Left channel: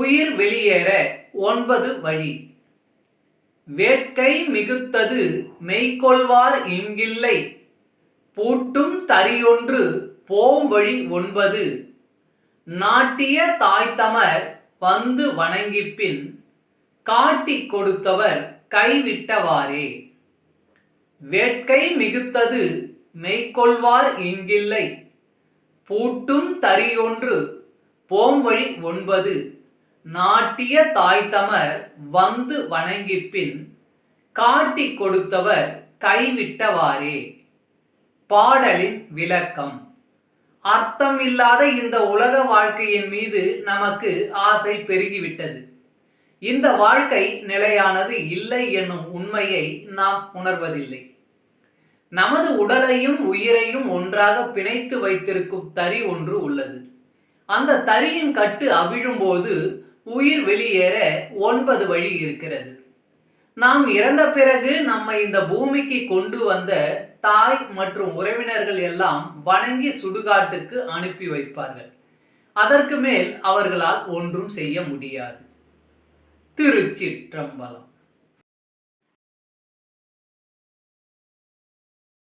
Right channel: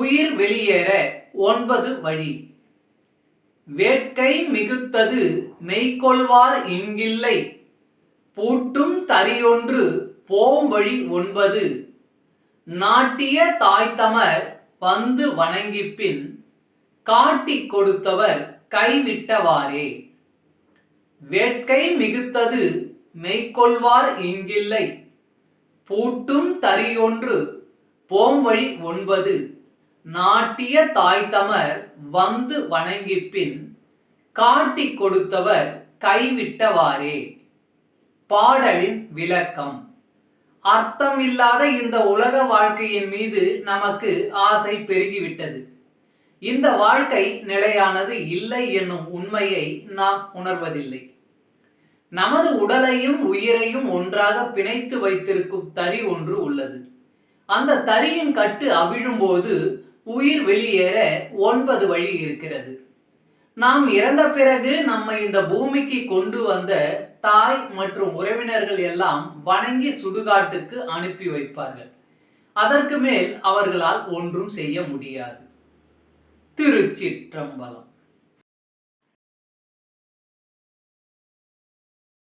உயிர் வெளியேற 9 வழி. வேட்கை மிகுத்தது மெய்கொள்வார் இங்கில்லை, பூட்டும் தறியொன்று போம்வழி 9. நாட்டிய தாய்தமர் வந்து வணங்கிப்பின், காட்டிக் கொடுத்தவர் கைவிட்டவாறே. வேட்கை மிகுத்தது மெய்கொள்வார் இங்கில்லை, பூட்டும் தறியொன்று போம்வழி 9. நாட்டிய தாய்தமர் வந்து வணங்கிப்பின், காட்டிக் கொடுத்தவர் கைவிட்டவாறே. பாடலின் விளக்கம். அர்த்தமில்லாத இந்த உலக வாழ்க்கையின் மீது நமக்கு ஆசை பெருகிவிட்டது. இந்த வாழ்க்கை நிலையானது இல்லை என்னும் உண்மையை நாம் உணர்வதில்லை. நமது உடலையும் உயிரையும் ஒன்றாக பிணைத்து வைத்திருக்கும் தறி ஒன்று உள்ளது. அந்த தறியின் கட்டு அவிழும்போது உயிர் வெளியேற 9 வழி இருக்கிறது. நாம் இறந்த பிறகு நம்மை இந்த பூமிக்கு கொண்டு வந்த தாய் மற்றும் உறவினர்கள் எல்லாம் வணங்கி சுடுகாட்டுக்கு அனுப்பி வைப்பார்கள். அதற்கு மேல் அவர்களால் ஒன்றும் செய்ய முடியாது. திருச்சிற்றம்பலம்.